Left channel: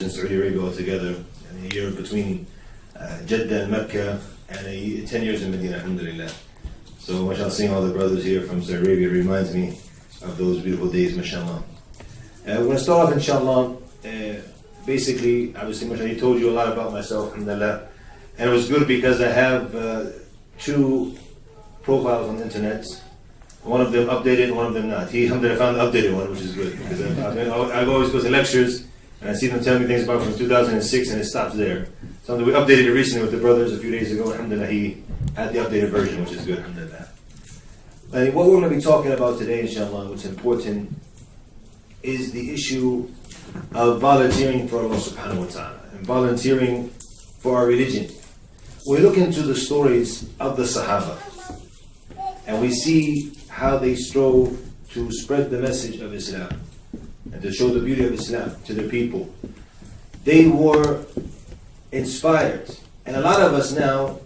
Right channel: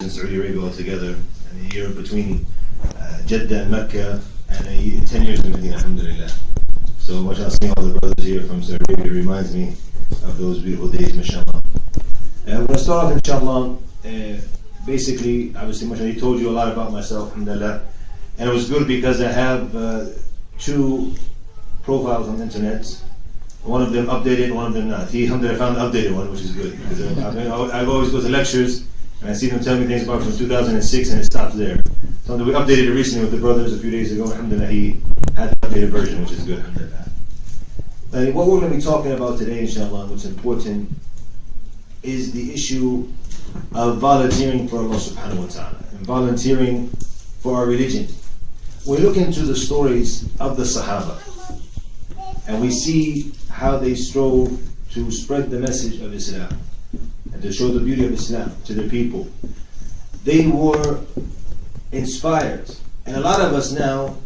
in Saudi Arabia altogether, and a year between Jeddah and Mecca, and 10 years in Medina, alhamdulillah. So, mashallah, seeing all the brothers here from Saudi Arabia reminds me of those beautiful days, mashallah. We're going to start off, inshallah. Basically, obviously, mashallah, he told you a lot about myself, alhamdulillah. And it was good because I have two profiles on the internet. One of them updated, one of them not. He, alhamdulillah, found the updated one, which is good. Because I always go to lectures, and I see them tell me things about from 2006, and it stops there. So we updated it recently with the brothers a few days ago. Alhamdulillah, he had the updated version, which is good. Alhamdulillah. And what we're going to be talking about today, inshallah, what's important, is the issue of volunteering for Allah subhanahu wa ta'ala, and volunteering for our religion. We look into the stories of the Sahaba, and we see how they strove to spread the message of Islam and to show the beauty of Islam to their people. They were inspired, and a lot of us now,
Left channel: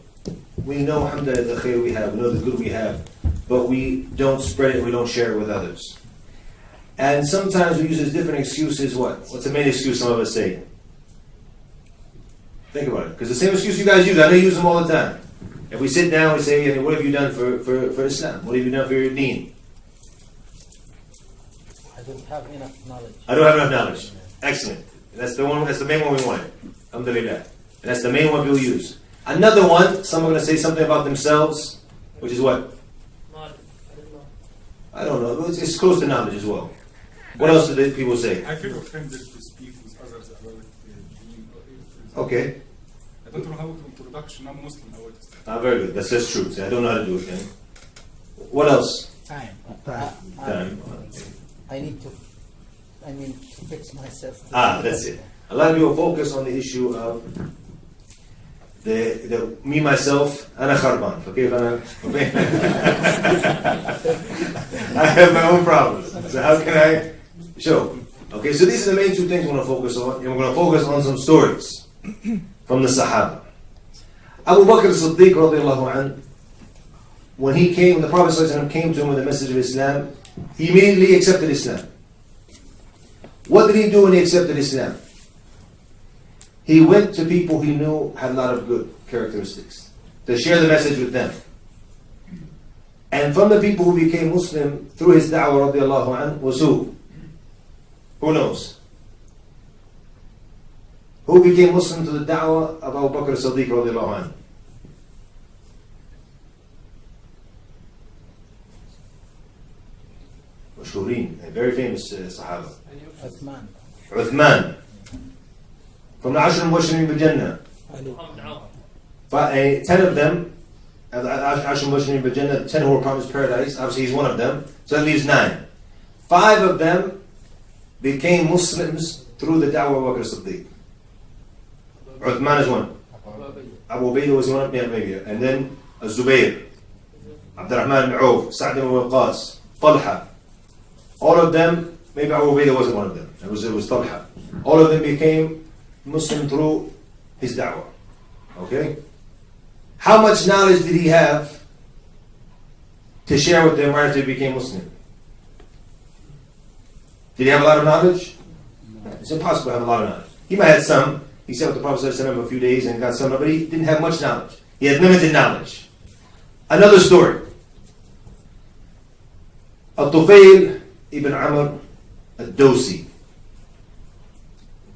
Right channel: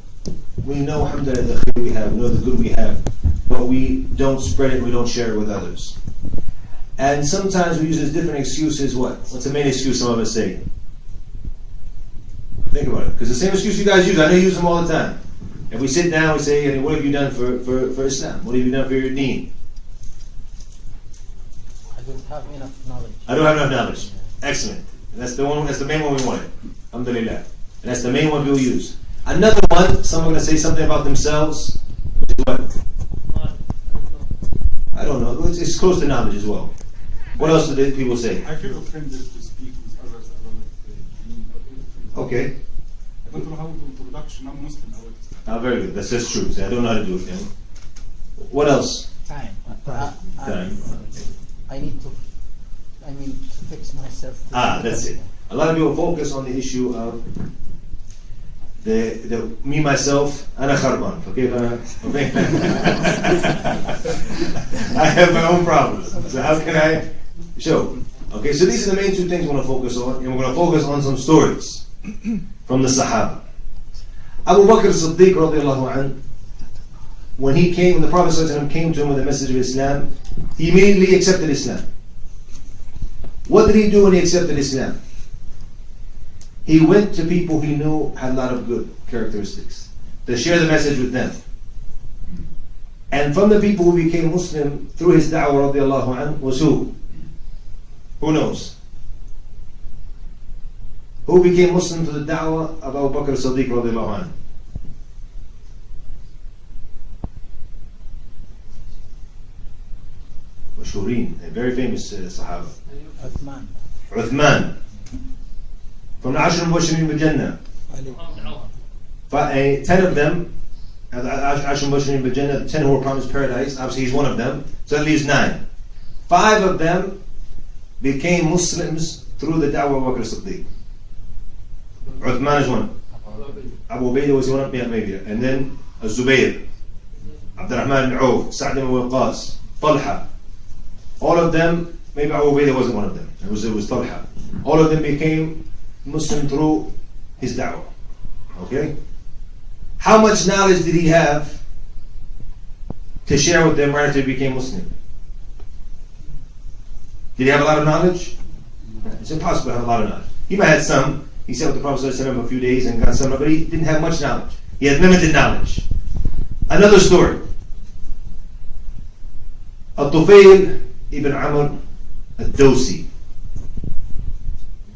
we know, alhamdulillah, the khair we have, we know the good we have, but we don't spread it, we don't share it with others. And sometimes we use as different excuses. What's the main excuse some of us say? Think about it, because the same excuse you guys use, I know you use them all the time. If we sit down, we say, hey, what have you done for Islam? What have you done for your deen? I don't have enough knowledge. I don't have enough knowledge. Excellent. That's the one. That's the main one we wanted. Alhamdulillah. And that's the main one we'll use. Another one, some are going to say something about themselves, which is what? I don't know. It's close to knowledge as well. What else do people say? I feel offended to speak with others about deen. Okay. I don't know how to introduction. I'm Muslim. Very good. That's just true. See, I don't know how to do it. What else? Time. Time. I need to fix myself. That's it. A lot of people focus on the issue of the me myself. أنا خربان. Okay, I have my own problems. So how can I show? Okay, so these are the main two things we're going to focus on, and we're going to focus on some stories from the Sahaba. Abu Bakr as-Siddiq radiallahu anhu, when he came, the Prophet ﷺ came to him with the message of Islam, he immediately accepted Islam. What did he do when he accepted Islam? He went to people he knew had a lot of good characteristics to share the message with them. And from the people who became Muslim through his da'wah radiallahu anhu was who? Who knows? Who became Muslim to the da'wah of Abu Bakr as-Siddiq radiallahu anhu? Mashhureen, a very famous Sahaba. Uthman. From the Ashhur Mubashirin bil Jannah. 10 of them, Ashhur Mubashirin bil Jannah, 10 who were promised paradise, obviously he's one of them, so that leaves 9. 5 of them became Muslims through the da'wah of Abu Bakr as-Siddiq. Uthman is one. Abu Ubaidah was one, maybe. And then Zubayr, Abdulrahim ibn Auf, Sa'd ibn Waqqas, Talha. All of them, maybe Abu Ubaidah wasn't one of them. It was Talha. All of them became Muslim through his da'wah. Okay? How much knowledge did he have to share with them right after he became Muslim? Did he have a lot of knowledge? It's impossible to have a lot of knowledge. He might have some. He sat with the Prophet ﷺ a few days and got some, but he didn't have much knowledge. He had limited knowledge. Another story. Al-Tufayl ibn Amr al-Dawsi,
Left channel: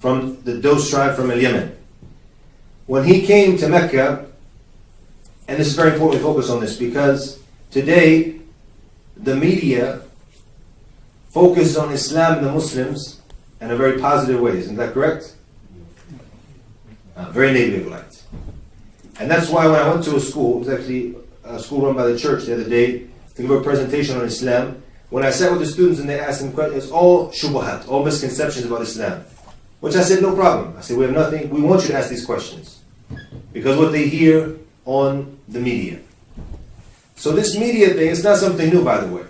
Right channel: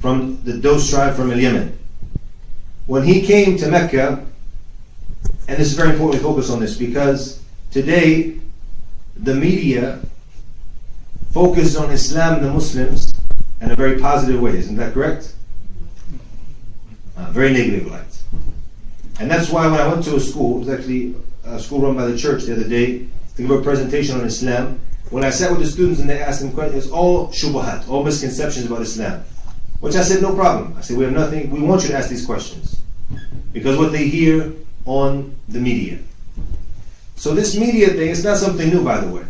from the Daws tribe from Yemen. When he came to Mecca, and this is very important to focus on this, because today the media focuses on Islam and the Muslims in a very positive way. Isn't that correct? Very negative light. And that's why when I went to a school, it was actually a school run by the church the other day, to give a presentation on Islam. When I sat with the students and they asked them questions, it's all shubuhat, all misconceptions about Islam. Which I said, no problem. I said, we have nothing, we want you to ask these questions. Because what they hear on the media. So this media thing, it's not something new, by the way.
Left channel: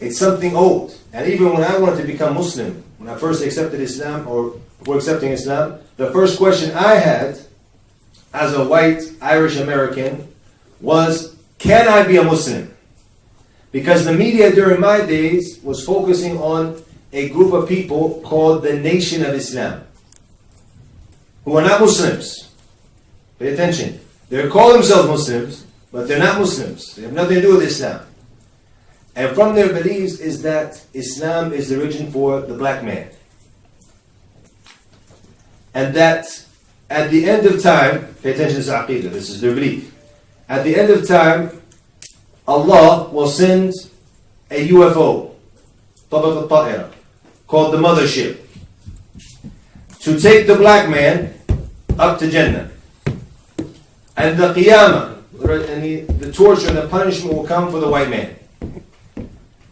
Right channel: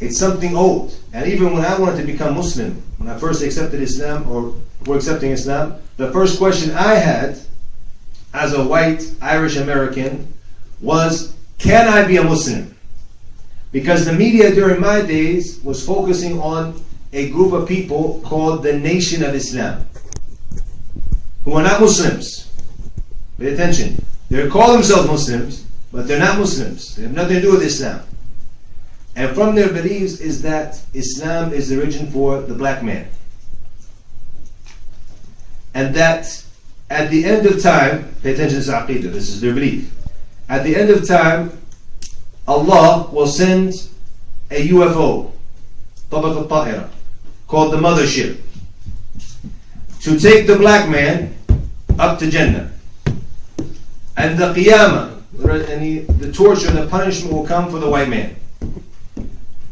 It's something old. And even when I wanted to become Muslim, when I first accepted Islam, or were accepting Islam, the first question I had as a white Irish American was, can I be a Muslim? Because the media during my days was focusing on a group of people called the Nation of Islam, who are not Muslims. Pay attention. They call themselves Muslims, but they're not Muslims. They have nothing to do with Islam. And from their beliefs is that Islam is the origin for the black man. And that at the end of time, pay attention to this aqidah, this is their belief. At the end of time, Allah will send a UFO, طبق الطائرة, called the Mothership, to take the black man up to Jannah. And the Qiyamah, and the torture and the punishment will come for the white man.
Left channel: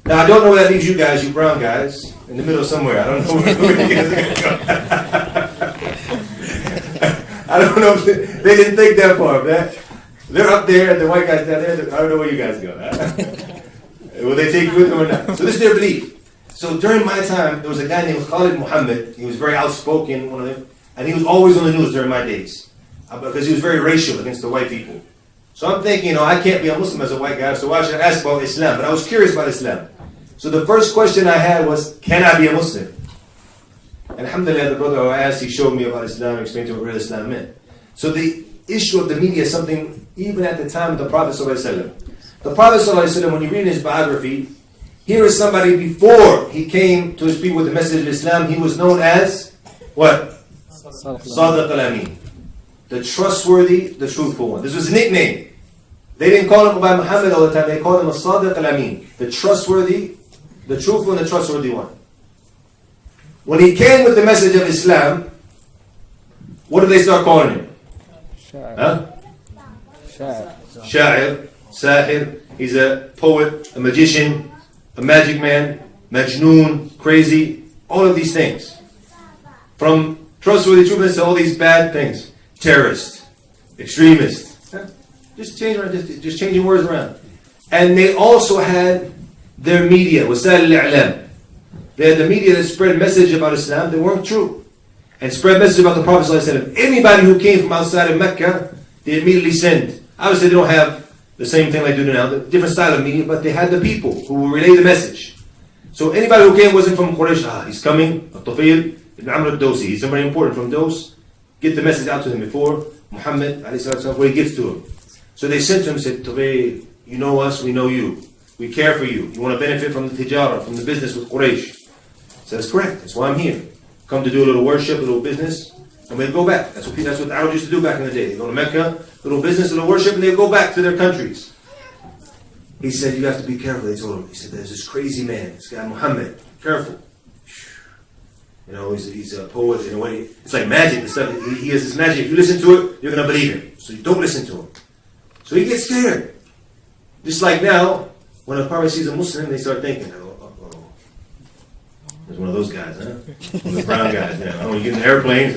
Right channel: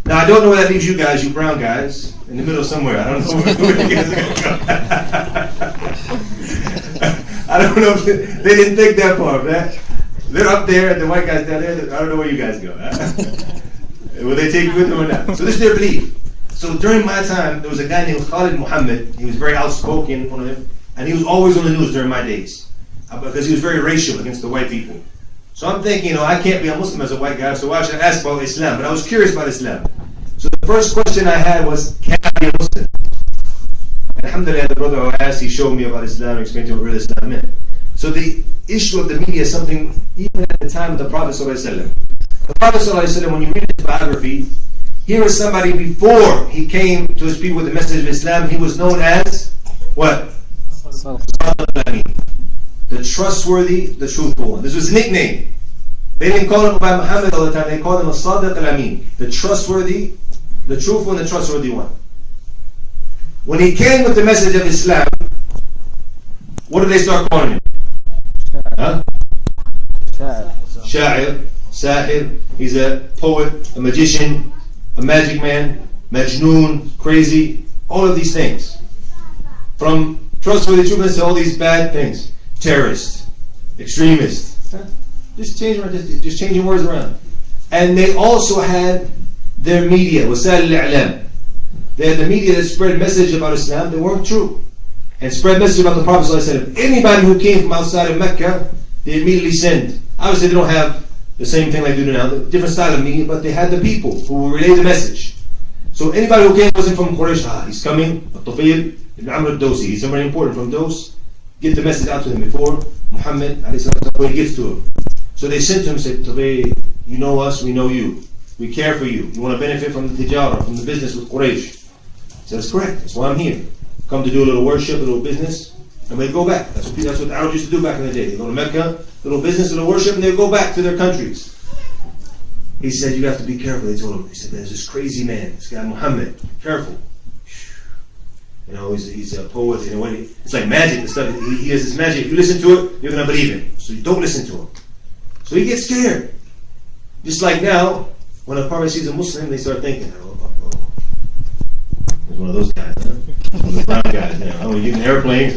Now I don't know where that leaves you guys, you brown guys, in the middle somewhere. I don't know where you guys are going to go. I don't know if they didn't think that far, man. They're up there, and the white guys down there. I don't know where you guys go. Will they take you with them or not? So this is their belief. So during my time, there was a guy named Khalid Muhammad. He was very outspoken, one of them, and he was always on the news during my days because he was very racial against the white people. So I'm thinking, I can't be a Muslim as a white guy, so why should I ask about Islam? But I was curious about Islam. So the first question I had was, can I be a Muslim? And alhamdulillah, the brother who I asked, he showed me about Islam, explained to me what real Islam meant. So the issue of the media is something, even at the time of the Prophet ﷺ. The Prophet ﷺ, when you read his biography, here is somebody before he came to his people with the message of Islam, he was known as, what? Sadiq al-Amin. The trustworthy, the truthful one. This was his nickname. They didn't call him by Muhammad all the time, they called him Sadiq al-Amin. The trustworthy, the truthful and the trustworthy one. When he came with the message of Islam, what did they start calling him? Huh? Sha'ir, Sahir. He's a poet, a magician, a magic man, Majnoon, crazy, all of these things. From trustworthy truthfulness to all these bad things. Terrorist, extremist. Huh? Just changing words around. And they also had their media, للعلم. They had the media that spread message about Islam that weren't true. And spread message about the Prophet ﷺ. Anybody who came from outside of Mecca, they immediately sent. Obviously they don't have the same thing like they do now, the different style of media, but they had the people who will relay the message. So anybody who came wasn't from Quraysh, he's coming, Al-Tufayl ibn Amr al-Dawsi, he's somebody important from Dos, get the message out to him before Muhammad, when he gets to him. So they sent to him and said, Tufayl, you know us, we know you. We care for you. You want to benefit from the tijara, from the business with Quraysh. He said, that's correct, that's why I'm here. Come to do a little worship, a little business, and we'd go back. That's what the Arabs used to do back in the day. They go to Mecca, little business, little worship, and they'd go back to their countries. He said, you have to be careful, they told him. He said, there's this crazy man, this guy Muhammad, careful. He's a poet, it's like magic and stuff. He has this magic. If you listen to it, you're going to believe it. So you don't listen to him. So he gets scared. Just like now, when a Prophet sees a Muslim, they start thinking, there's one of those guys, huh? Those brown guys, when you get in airplanes,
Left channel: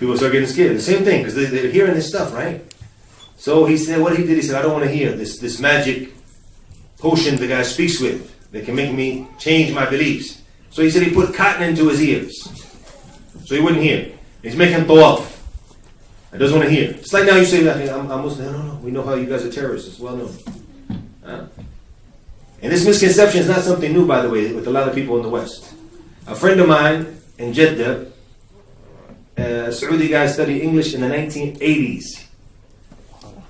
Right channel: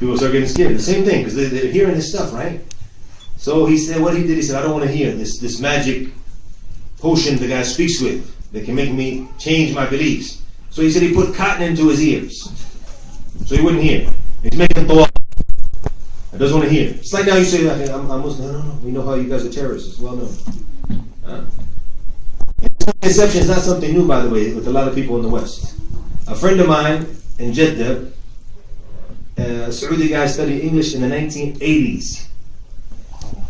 people start getting scared. The same thing, because they're hearing this stuff, right? So he said, what he did, he said, I don't want to hear this magic potion the guy speaks with that can make me change my beliefs. So he said he put cotton into his ears, so he wouldn't hear. He's making tawaf. He doesn't want to hear. It's like now you say, I'm Muslim. No, we know how you guys are terrorists. It's well known. And this misconception is not something new, by the way, with a lot of people in the West. A friend of mine in Jeddah, a Saudi guy, studied English in the 1980s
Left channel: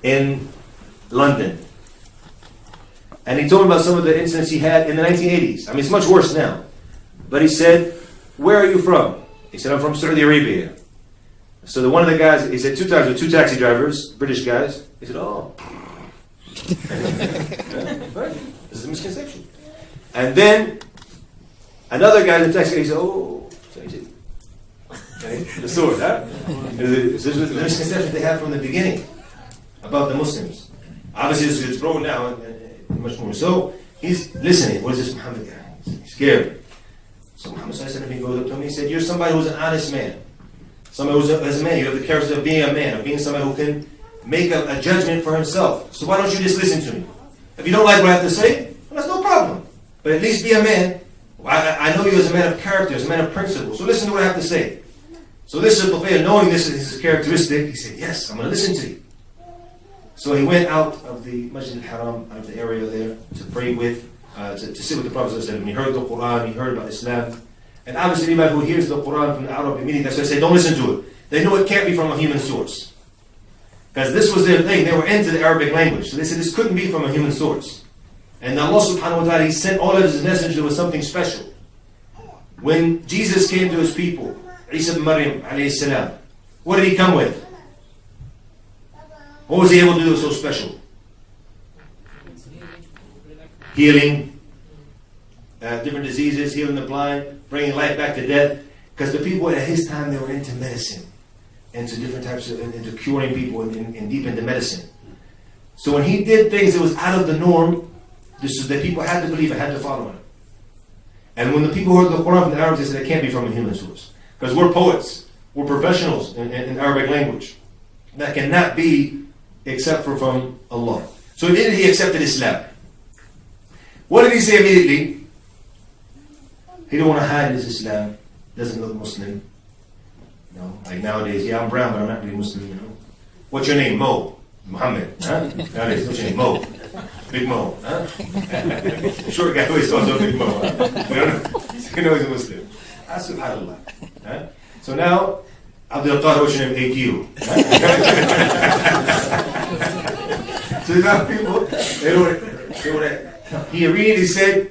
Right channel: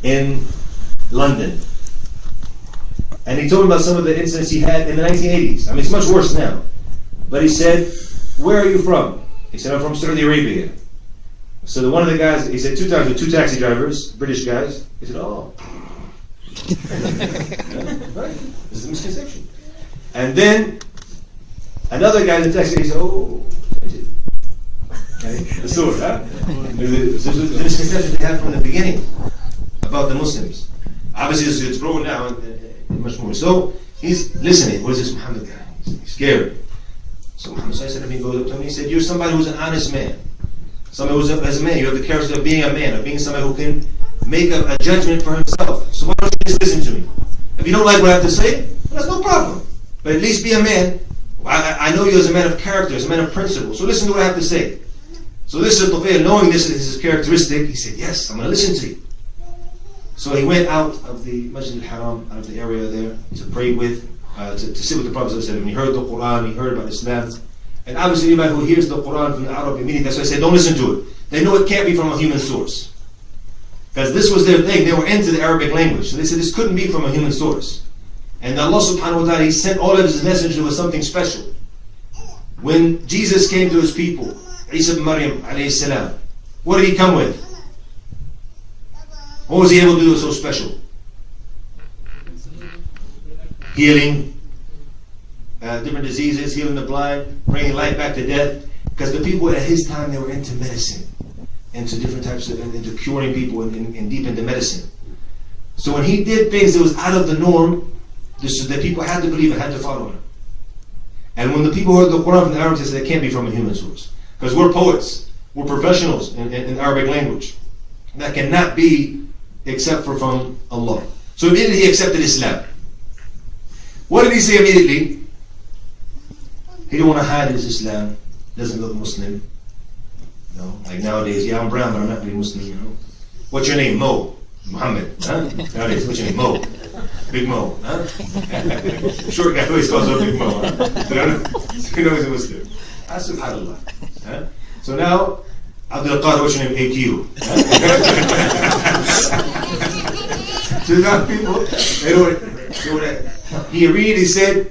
in London. And he told me about some of the incidents he had in the 1980s. I mean, it's much worse now. But he said, where are you from? He said, I'm from Saudi Arabia. So one of the guys, he said two taxi drivers, British guys. He said, oh. Right? This is a misconception. And then another guy in the taxi, he said, oh. Okay? The sword, huh? This was the misconception they had from the beginning about the Muslims. Obviously, it's grown now and much more. So he's listening. What is this Muhammad guy? He's scared. So Muhammad goes up to him. He said, "You're somebody who's an honest man. Somebody who's a man. You have the character of being a man, of being somebody who can make a judgment for himself. So why don't you just listen to me? If you don't like what I have to say, well, that's no problem. But at least be a man. I know you as a man of character, as a man of principle. So listen to what I have to say." So this is Tufayl, knowing this is his characteristic, he said, "Yes, I'm going to listen to you." So he went out of the Masjid al-Haram, out of the area there, to pray with to sit with the Prophet ﷺ. He heard the Quran, he heard about Islam. And obviously anybody who hears the Quran from the Arab immediately, that's why I say don't listen to it. They know it can't be from a human source. Because this was their thing, they were into the Arabic language. So they said this couldn't be from a human source. And Allah subhanahu wa ta'ala, He sent all of His messengers with something special. When Jesus came to His people, Isa ibn Maryam alayhi salam, what did He come with? What was He able to do so special? Healing different diseases, healing the blind, bringing life back to death. Because the people at His time, they were into medicine, into different types of, into curing people and deep into medicine. So when He did things that was out of the norm, this is that people had to believe and had to follow Him. And when the people heard the Quran from the Arabs, they said it can't be from a human source. Because we're poets, we're professionals in Arabic language. That cannot be except for from Allah. So immediately He accepted Islam. What did He say immediately? He didn't want to hide His Islam. Doesn't look Muslim. You know, like nowadays, yeah, I'm brown, but I'm not really Muslim, you know. What's your name? Mo. Muhammad. Huh? Nowadays, what's your name? Mo. Big Mo. Huh? Short guy always calls him Big Mo. Huh? You know he's a Muslim. Subhanallah. Huh? So now, Abdul-Qadir, what's your name? AQ. So now people, they would, he immediately said,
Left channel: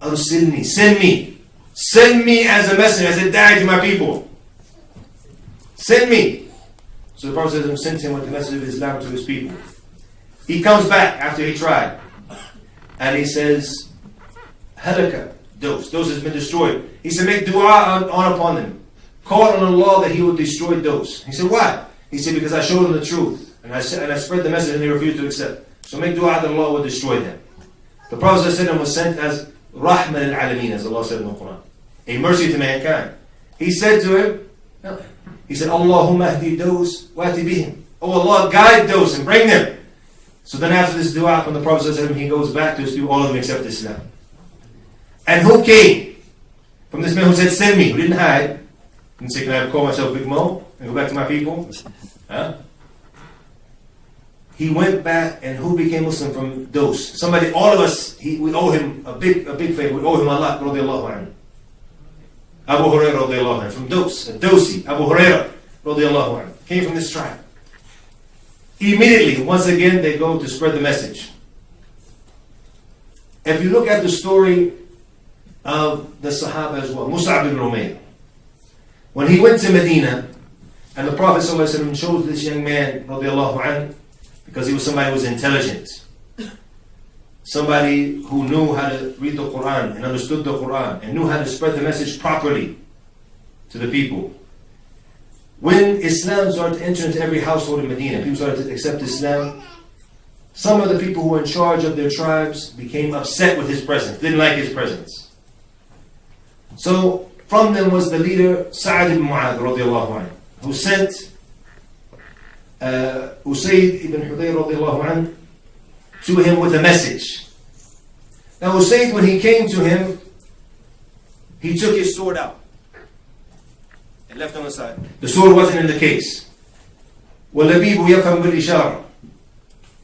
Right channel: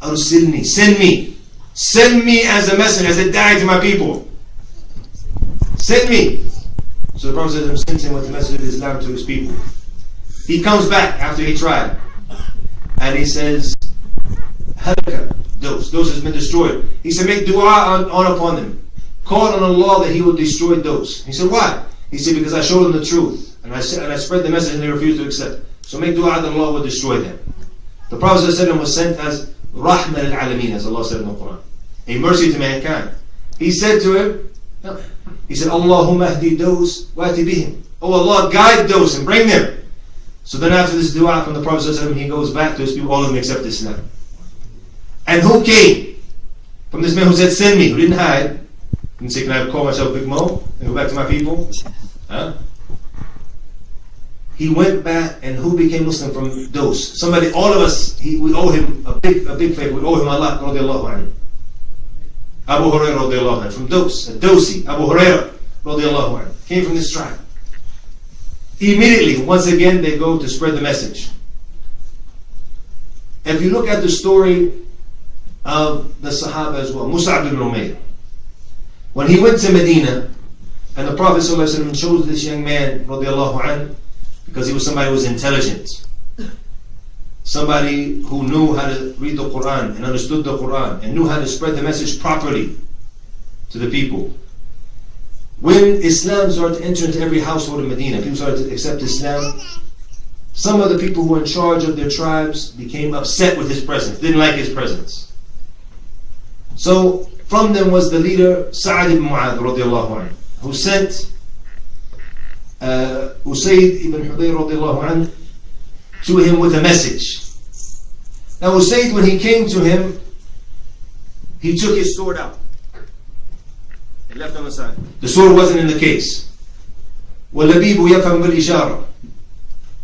Arsilni, send me. Send me as a messenger, as a da'i to my people. Send me. So the Prophet sent him with the message of Islam to his people. He comes back after he tried. And he says, Halaka, Dos has been destroyed. He said, make dua on upon them. Call on Allah that He will destroy Dos. He said, why? He said, because I showed them the truth. And I spread the message and they refused to accept. So make dua that Allah will destroy them. The Prophet was sent as Rahma lil-Alamin, as Allah said in the Quran. A mercy to mankind. He said to him, he said, Allahumma ahdi Dos wa ati bihim. Oh Allah, guide those and bring them. So then after this dua from the Prophet, he goes back to his people, all of them accept Islam. And who came? From this man who said, send me, who didn't hide. Didn't say, can I call myself Big Mo and go back to my people? Huh? He went back, and who became Muslim from Dos? Somebody, all of us, we owe him a big favor. We owe him a lot, radiallahu anhu. Abu Hurairah radiallahu anhu, from Dos, a Dosi, Abu Hurairah radiallahu anhu, came from this tribe. Immediately, once again, they go to spread the message. If you look at the story of the Sahaba as well, Mus'ab ibn Umayr, when he went to Medina, and the Prophet ﷺ chose this young man, radiallahu anhu, because he was somebody who was intelligent, somebody who knew how to read the Quran and understood the Quran and knew how to spread the message properly to the people. When Islam started to enter into every household in Medina, people started to accept Islam. Some of the people who were in charge of their tribes became upset with his presence, didn't like his presence. So from them was the leader Sa'ad ibn Mu'adh radiallahu anhu, who sent Usayd ibn Hudayr radiallahu anhu to him with a message. Now Usayd, when he came to him, he took his sword out and left on the side. The sword wasn't in the case. وَاللَّبِيبُ يَفْهَمْ بِالْإِشَارَةِ.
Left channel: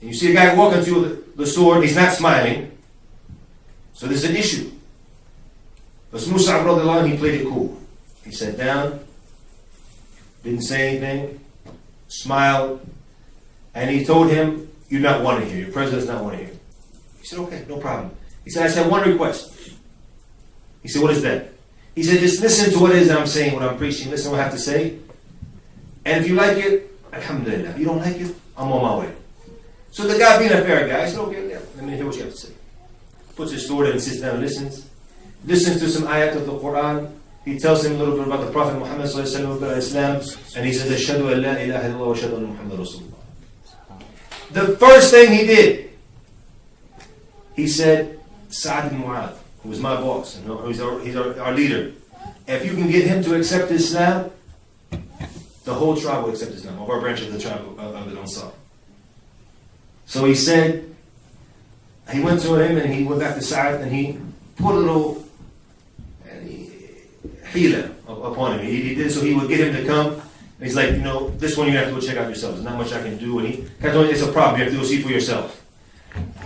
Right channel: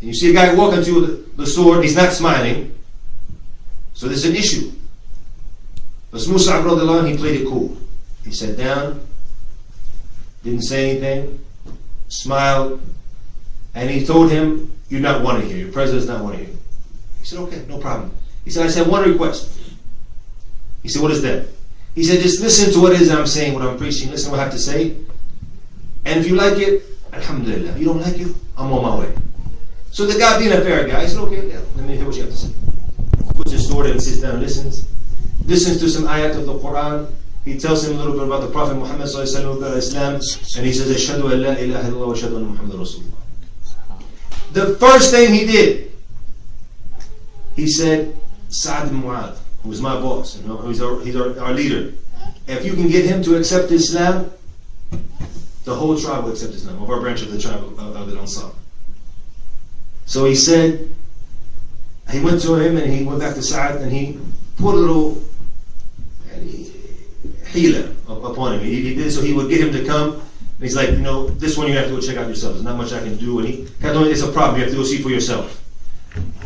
And you see a guy walking through the sword, he's not smiling. So there's an issue. But Mus'ab radiallahu anhu, he played it cool. He sat down, didn't say anything, smiled, and he told him, you're not wanted here. Your president's not wanted here. He said, okay, no problem. He said, I just have one request. He said, what is that? He said, just listen to what it is I'm saying, what I'm preaching. Listen to what I have to say. And if you like it, alhamdulillah. If you don't like it, I'm on my way. So the guy, being a fair guy, he said, okay, yeah, let me hear what you have to say. Puts his sword in and sits down and listens. Listens to some ayat of the Quran. He tells him a little bit about the Prophet Muhammad sallallahu alaihi wasallam, and he says, Ashhadu an la ilaha illallah wa ashhadu anna Muhammadan Rasulullah. The first thing he did, he said, Sa'ad ibn Mu'adh, who was my boss, you know, he's our leader. If you can get him to accept Islam, the whole tribe will accept Islam, of our branch of the tribe of the Ansar. So he said, he went to him and he went back to Sa'ad and he put a little hila upon him. He did so he would get him to come. And he's like, you know, this one you have to go check out yourself. There's not much I can do. And he told him, it's a problem. You have to go see for yourself.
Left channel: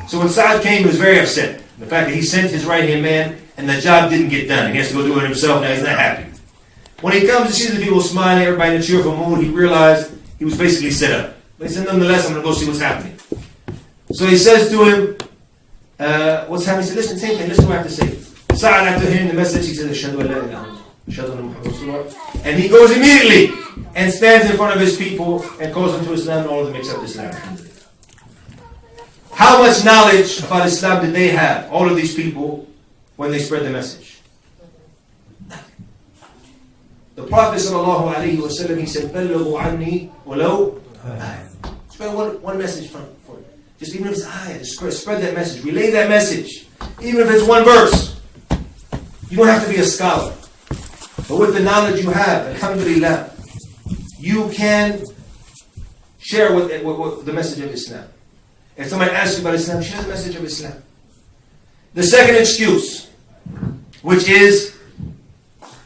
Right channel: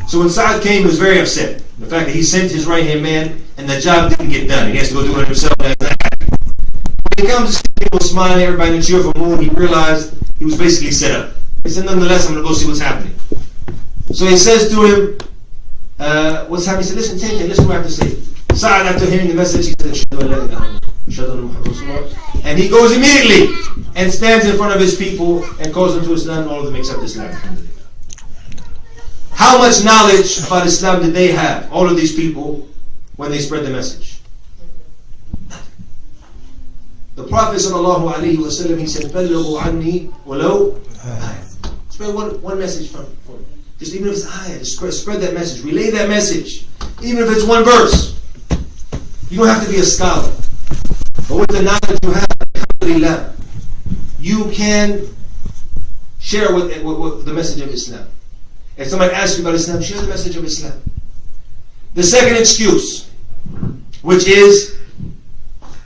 So when Sa'ad came, he was very upset. The fact that he sent his right-hand man and the job didn't get done. He has to go do it himself and he's not happy. When he comes to see the people smiling, everybody in a cheerful mood, he realized he was basically set up. But he said, nonetheless, I'm going to go see what's happening. So he says to him, what's happening? He said, listen, take it, listen to what I have to say. Sa'ad, after hearing the message, he said, Ashhadu an la ilaha illallah, Ashhadu anna Muhammadan Rasulullah. And he goes immediately and stands in front of his people and calls them to Islam, and all of them accept Islam. How much knowledge about Islam did they have, all of these people, when they spread the message? The Prophet ﷺ, he said, بَلِّغُوا عَنِّي وَلَوْ spread one message for just even if it's ayah, just spread that message, relay that message. Even if it's one verse. You don't have to be a scholar. But with the knowledge you have, alhamdulillah, you can share with the message of Islam. If somebody asks you about Islam, share the message of Islam. The second excuse, which is,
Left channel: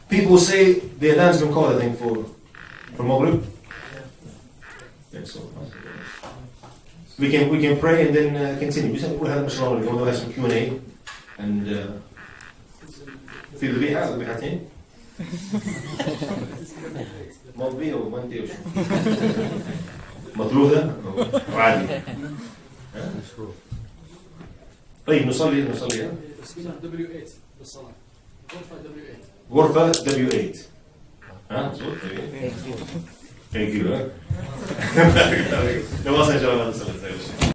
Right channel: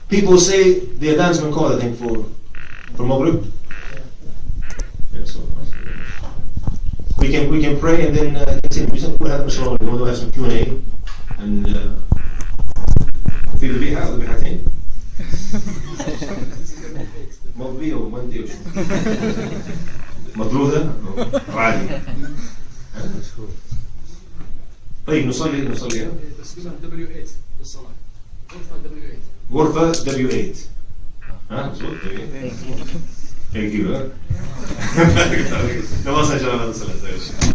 people say the adhan's been called, I think, for Maghrib. Yeah, so we can pray and then continue. We have some Q&A and في ذبيحة أو ذبيحتين مضبية ومندي وشو مطرودة أو عادي. طيب نصلي تسليم W8 للصلاة. غرفة W8. ها مظبوط. Thank you.